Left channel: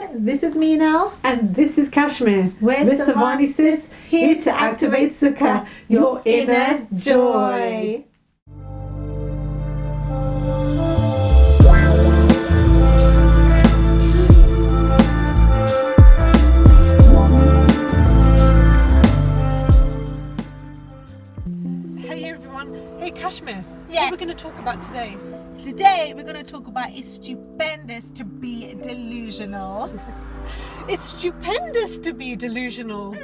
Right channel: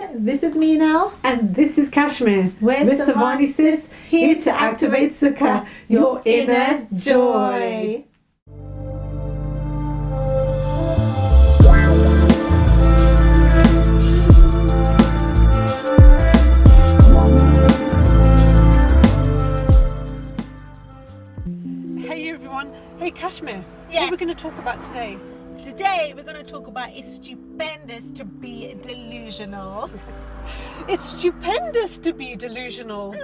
everyone, this is Meenal and this is Kashmir. We're SAVaniSis, here to activate Sukha, your inner joy. Hey everyone, hey Kashmir, what are we going to talk about today? Today we're going to talk about it's stupendous to be delusional. It's stupendous to be delusional.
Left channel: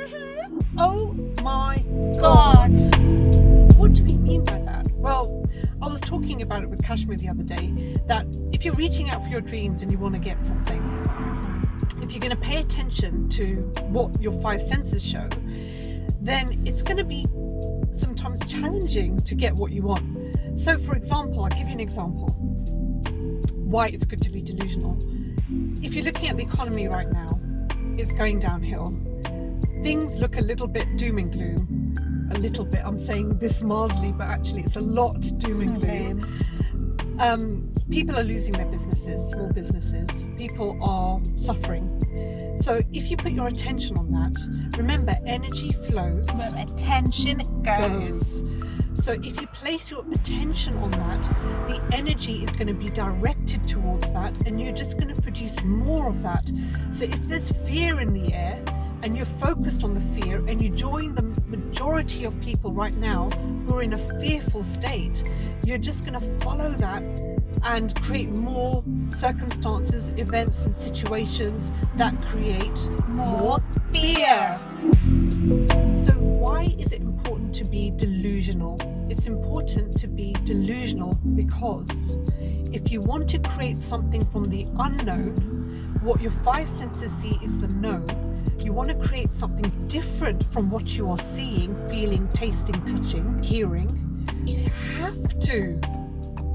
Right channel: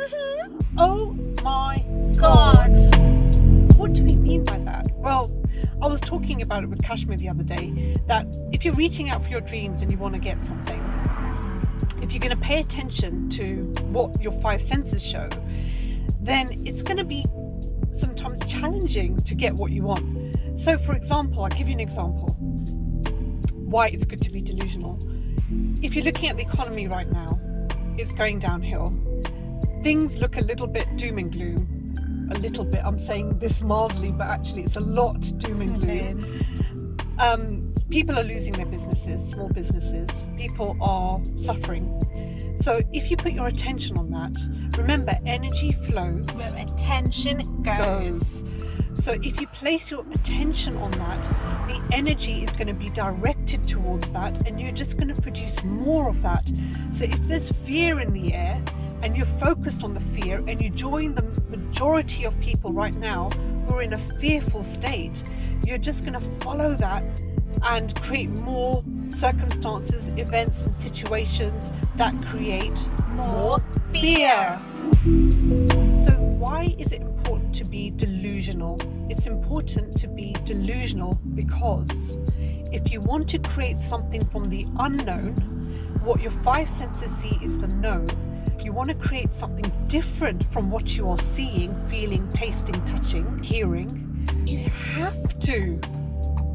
Oh my God. What do we mean by that? Well, I was talking about it with Kashmir the other day, that if you're reaching out for your dreams and you want to get something, if you're going to pay attention to what your five senses show, then it's going to be sometimes challenging to get what you want. So for example, I'll give you an example why it's good to be delusional. If you're looking at the economy right now, it's going downhill. Things look a little bit doom and gloom. A little bit, I'm saying this mildly, but actually it's a lot doom and gloom. People are losing their businesses, small businesses. People are suffering. So if you put your attention on that, remember, energy flows Where attention goes. So if you place your attention on that, the energy is going to be directed towards that, and you're just going to produce more of that. So if there's fear in the air and you're focused on the fear, and you join the majority of people right now who are in a fearful state, you're just going to follow that and create more circumstances, events and situations that create more fear. So why is it important to be delusional? It's important to be delusional because if you want to create something from the unknown, what your five senses see is the known. You want to create something different from what you are seeing, feeling, tasting, touching, hearing. You have to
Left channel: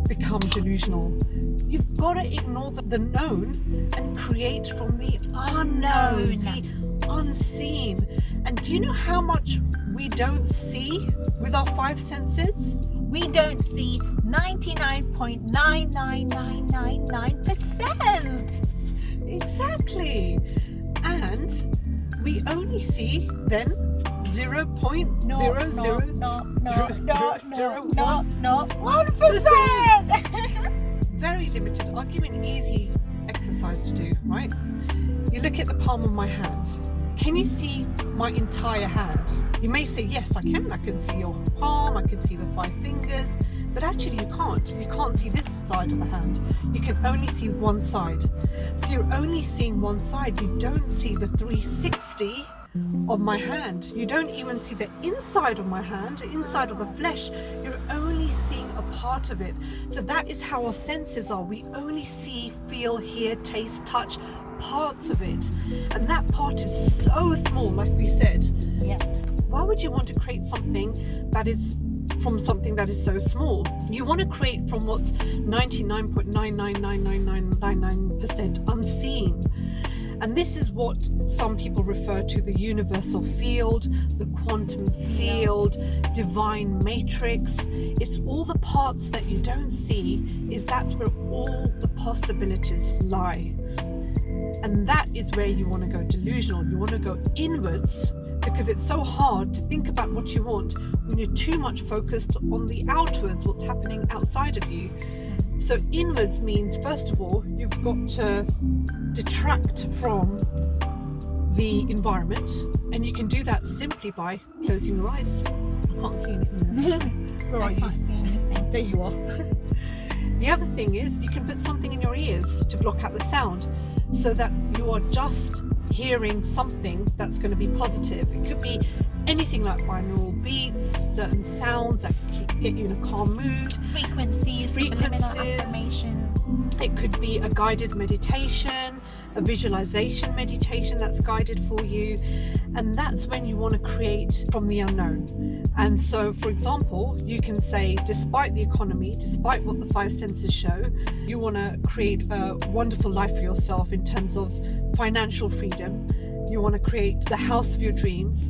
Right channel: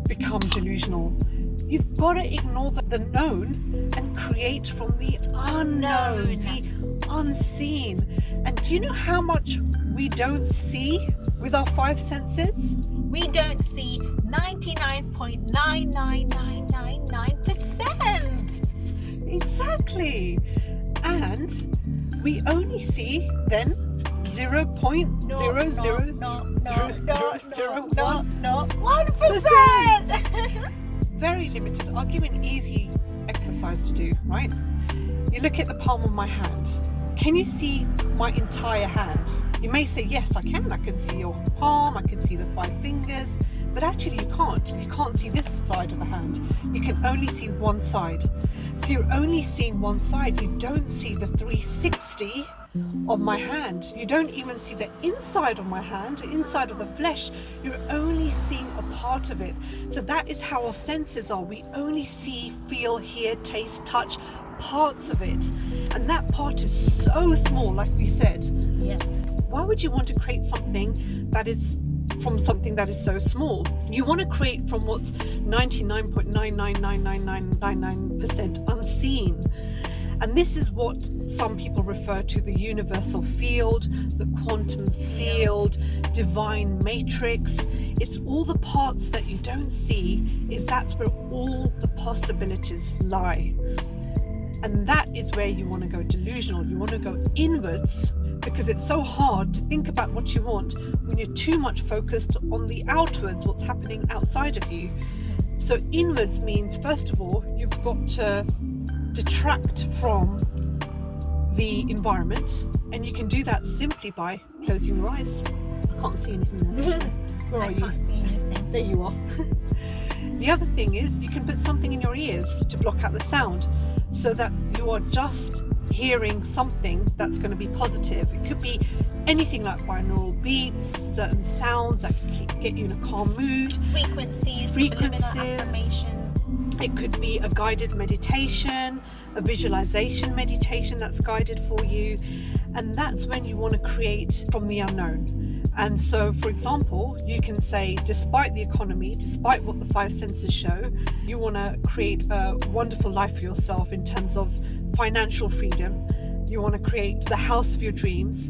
become delusional. You've got to ignore the known and create from the unknown, the unseen. And do you know how much we don't see with our five senses? We don't see 99.99999%. Exactly. And we only see then 0.00001%. Very limited. I'll give you an easy exercise to do, right? You look at the palm of my hand. Can you see my entire hand? You may say, yes, I can. I can see your palm, I can see the five fingers, but actually you can't. You can't see this side of the hand. You can only see one side. So you're only seeing one side. You don't see the 360 of my hand. You don't even see the inside of my hand, the inside of the flesh. You're only seeing a part of it. So that is how our senses are. We only see, feel, hear, taste, touch parts of it. And that part is so small, like we said. Yes. Why would you want to create something that is from something that is so small? You want to create from what's 99.999999% unseen. And this is what some people refer to the universal field, the quantum field, divine matrix. It's all the parts that you don't see, that's where all the possibilities lie. And that is where you want to go delusional. You want to go inwards, because it's so hard to think about what you want when you're too much focused on the outwards, what's happening outside of you. So inwards means, first of all, you've got to detract from the environment, and you can do that simply by closing your eyes. I can't see anything there. Where are you? Can't see anything. There you are. The other thing is you can put something in your ears to block out the sound, so that you are just hearing something that's going to be positive. It could be anything like binaural beats, certain sounds that get you in a calm mood, Frequencies. Affirmations. It could be a guided meditation, a visualization meditation that's guided for you. And that's when you want to create from the unknown. And so, for example, you can say, despite the economy, despite what the five senses show, you want to create a wonderful life for yourself in terms of financial freedom. You want to create the house of your dreams.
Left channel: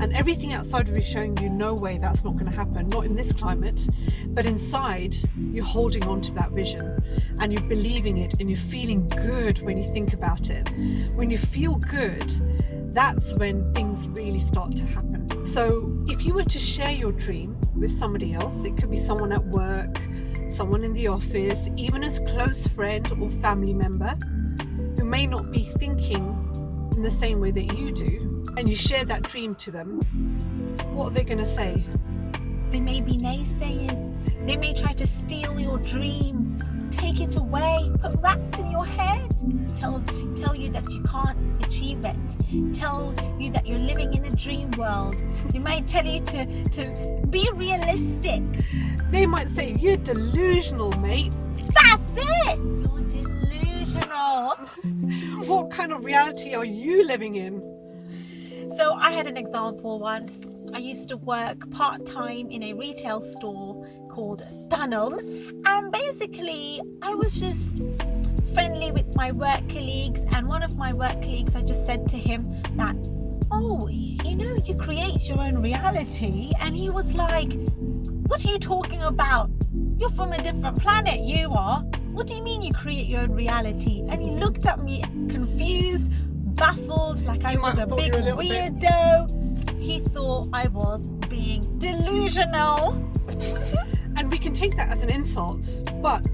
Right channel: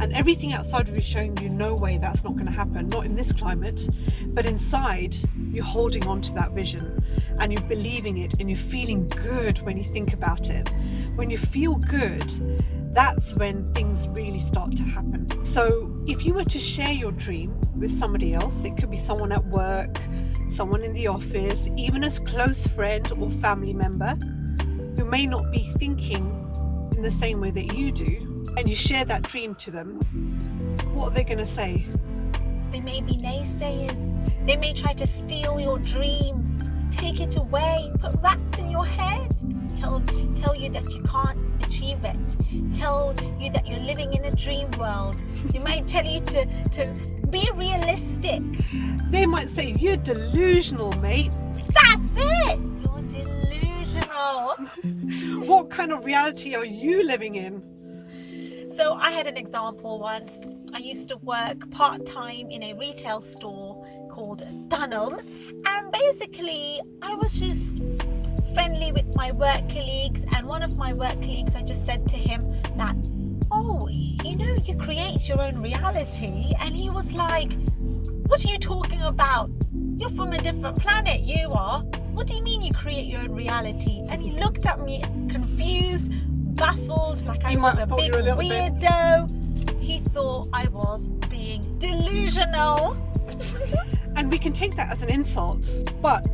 And everything outside of you is showing you, no way, that's not going to happen, not in this climate. But inside, you're holding on to that vision. and you're believing it and you're feeling good when you think about it. When you feel good, that's when things really start to happen. So if you were to share your dream with somebody else, it could be someone at work, someone in the office, even a close friend or family member who may not be thinking in the same way that you do, and you share that dream to them, what are they going to say? They may be naysayers. They may try to steal your dream, take it away, put rats in your head, tell you that you can't achieve it, tell you that you're living in a dream world. They might tell you to be realistic. They might say, you're delusional, mate. That's it! You're delusional. What kind of reality are you living in? So I had an example once. I used to work part-time in a retail store called Dunham, and basically I was just friendly with my work colleagues, and one of my work colleagues, I just said to him that, oh, you know, you create your own reality. And he was like, what are you talking about? You're from a different planet, you are. What do you mean you create your own reality? And he looked at me confused, baffled, like I was a big weirdo. He thought I was being delusional. And we can take that as an insult, but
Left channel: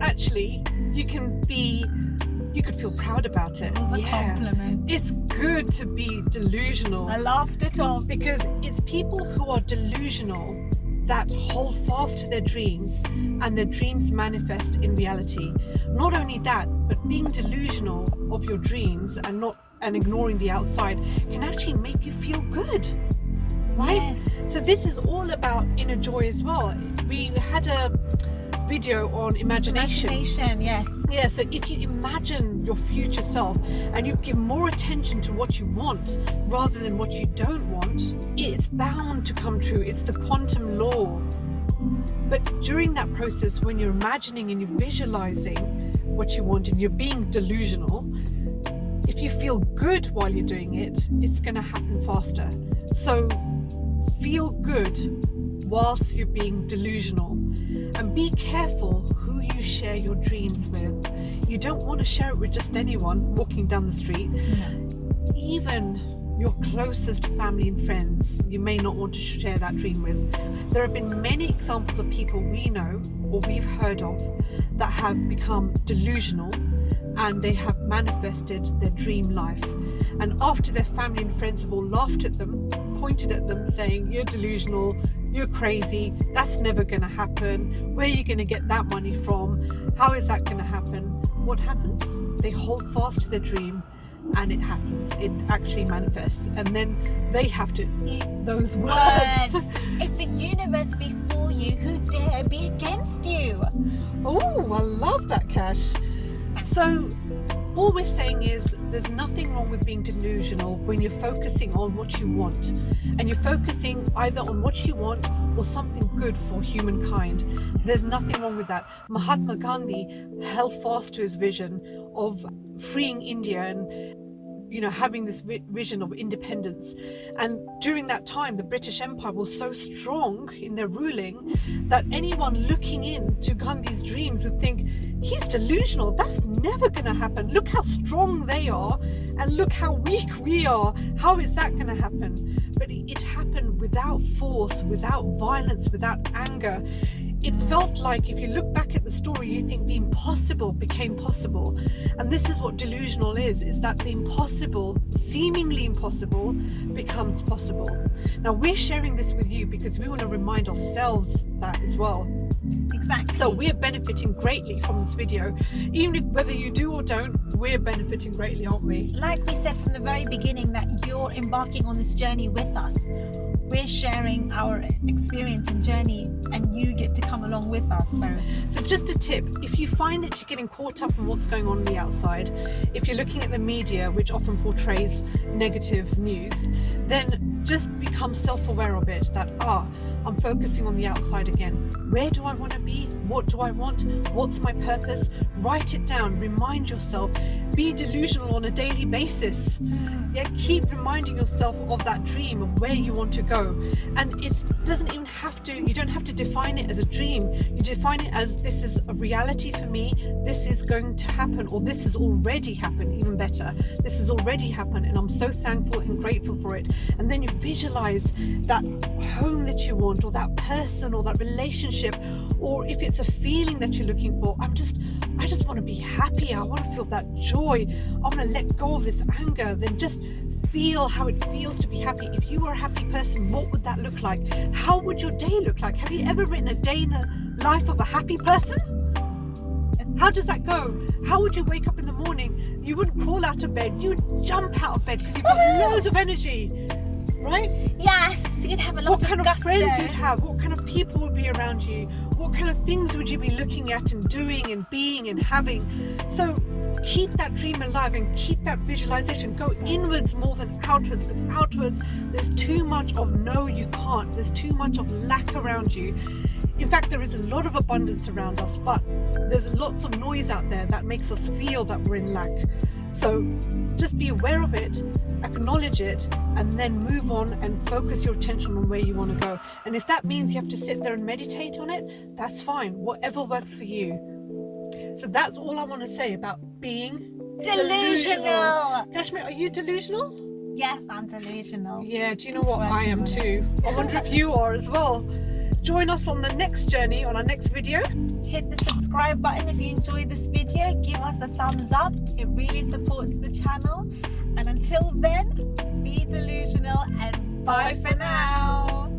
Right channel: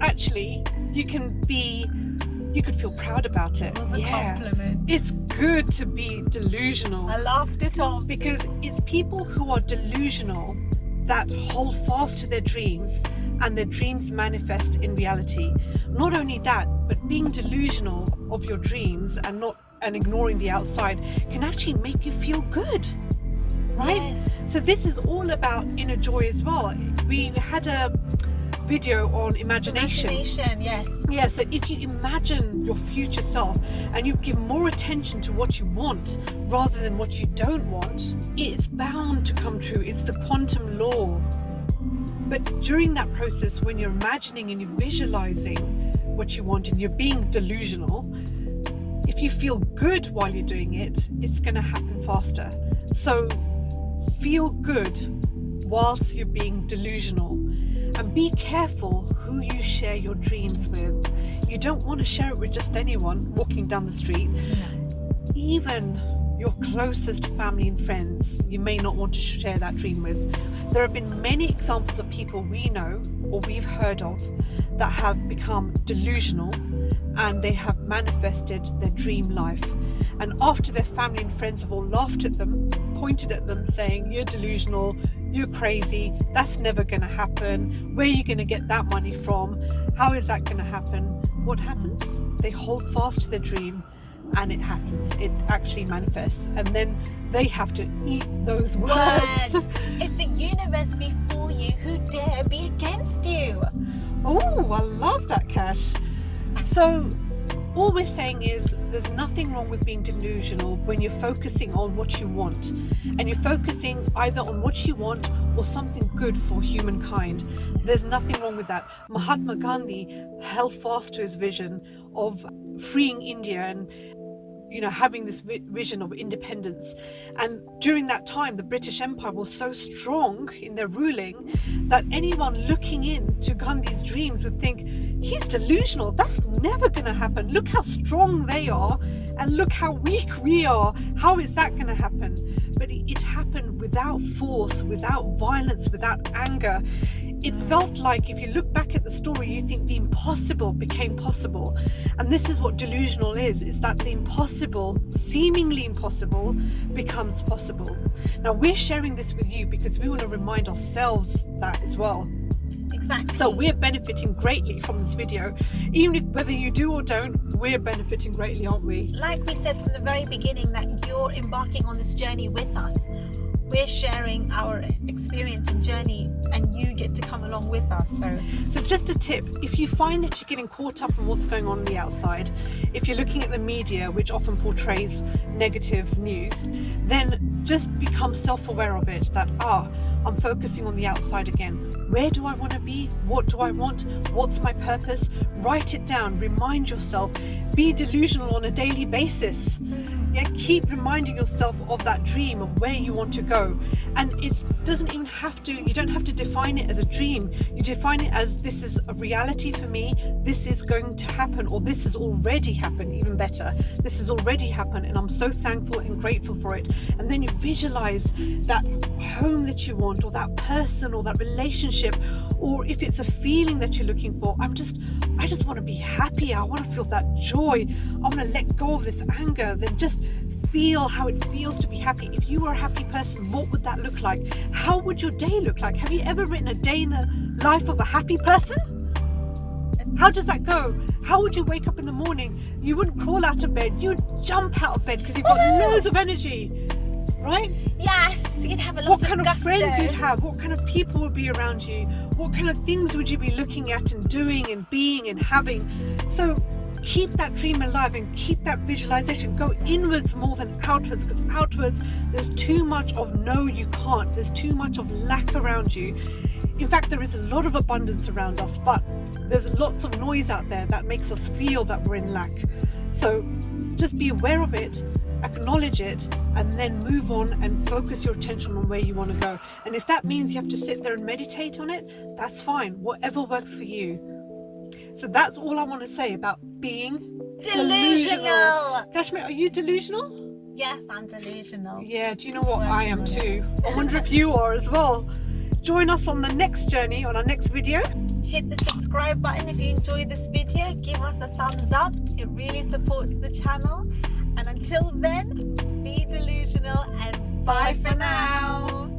actually you could feel proud about it. It was a compliment. It's good to be delusional. I laughed it off. Because it's people who are delusional that hold fast to their dreams, and their dreams manifest in reality. Not only that, but being delusional of your dreams and ignoring the outside can actually make you feel good, right? Yes. So this is all about inner joy as well. We had a video on imagination. Yes. Yeah, so if you imagine your future self and you give more attention to what you want rather than what you don't want, it's bound to come true. It's the quantum law. But during that process, when you're imagining and you're visualizing what you want and you're being delusional, if you feel good while you're doing it, it's going to happen faster. So feel good whilst you're being delusional, and be careful who you share your dreams with. You don't want to share it with just anyone walking down the street. Even your closest family and friends, you may not want to share that dream with. There have been many examples of people we know or we've heard of that have become delusional, and they have manifested their dream life. And after their family and friends have all laughed at them, pointed at them saying, you're delusional, you're crazy, that's never going to happen, where are you going to get that money from, how is that going to happen? What happens? They hold fast to their dream, and it happens. It actually manifests, and then they have to eat those words. If the universe be for you, who dare be against you? Oh, I love that, Cash. So all we're saying is there's nothing wrong with being delusional when you're focusing on what you want, and you're focusing either on what you want or something good for humankind. There's nothing wrong with that. Mahatma Gandhi held fast to his vision of freeing India and having this vision of independence. And during that time, the British Empire was so strong in their ruling that anyone looking into Gandhi's dreams would think, he's delusional, that's never going to happen. Look how strong they are, and look how weak we are. How is that going to happen? But it happened without force, without violence, without anger. It felt like, if you look back at the story, you think the impossible became possible. And this is what delusional is that the impossible, seemingly impossible, becomes possible. Now, we're sharing this with you because we want to remind ourselves that as well. Exactly. So we're benefiting greatly from this video. Even if whether you do or don't, we're benefiting greatly, aren't we? Like we said from the very beginning, that you're embarking on this journey with us. We're sharing our experience and journey, and you get to come along with us. So just a tip, if you find that you're getting caught up in what's going on the outside, if you're looking at the media, which often portrays negative news, then just become self-aware of it, that I'm focusing on the outside again. Where do I want to be? What do I want? What's my purpose? Write it down, remind yourself, be delusional on a daily basis. Yeah, keep reminding yourself of that dream, of where you want to go. And it doesn't even have to, you don't have to define it as a dream. You define it as, this is a reality for me, this is going to happen, or this has already happened, even better. This has already happened and I'm so thankful and grateful for it. And then you visualize that home that you want, or that person, or that relationship, or if it's a feeling that you're looking for. I just want to be happy. I want to feel that joy. I want to let go of this anger. Then just feel how it feels to be happy. If you were a happy person, what would that look like? How would your day look like? Have you ever written a day in the life of a happy person? How does that go? How would you wake up in the morning? You wouldn't crawl out of bed. You'd jump out of bed because you've got loads of energy, right? Yes, you'd have a lot What of kind of gusto. friends you'd have? What kind of people would be around you? What kind of things would you be looking at and doing and being and having? So keep that dream alive and keep that visualization. Go inwards more than outwards, because outwards there's too much of no, you can't. There's too much of lack around you. In fact, there is a lot of abundance around us, but there's lots of noise out there that makes us feel that we're in lack. So just be aware of it, acknowledge it, and then move on and focus your attention on where you want to go. And if that means you have to sit there and meditate on it, that's fine. Whatever works for you. So that's all I want to say about being delusional. Kashmir, are you delusional? Yes, I'm delusional. Yeah, do you know what? I am too. I wonder if you are as well. Join us on the next journey, on our next video. Hit the subscribe button if you enjoyed this video. Give us a thumbs up. It really supports the channel. And until then, be delusional and bye for now.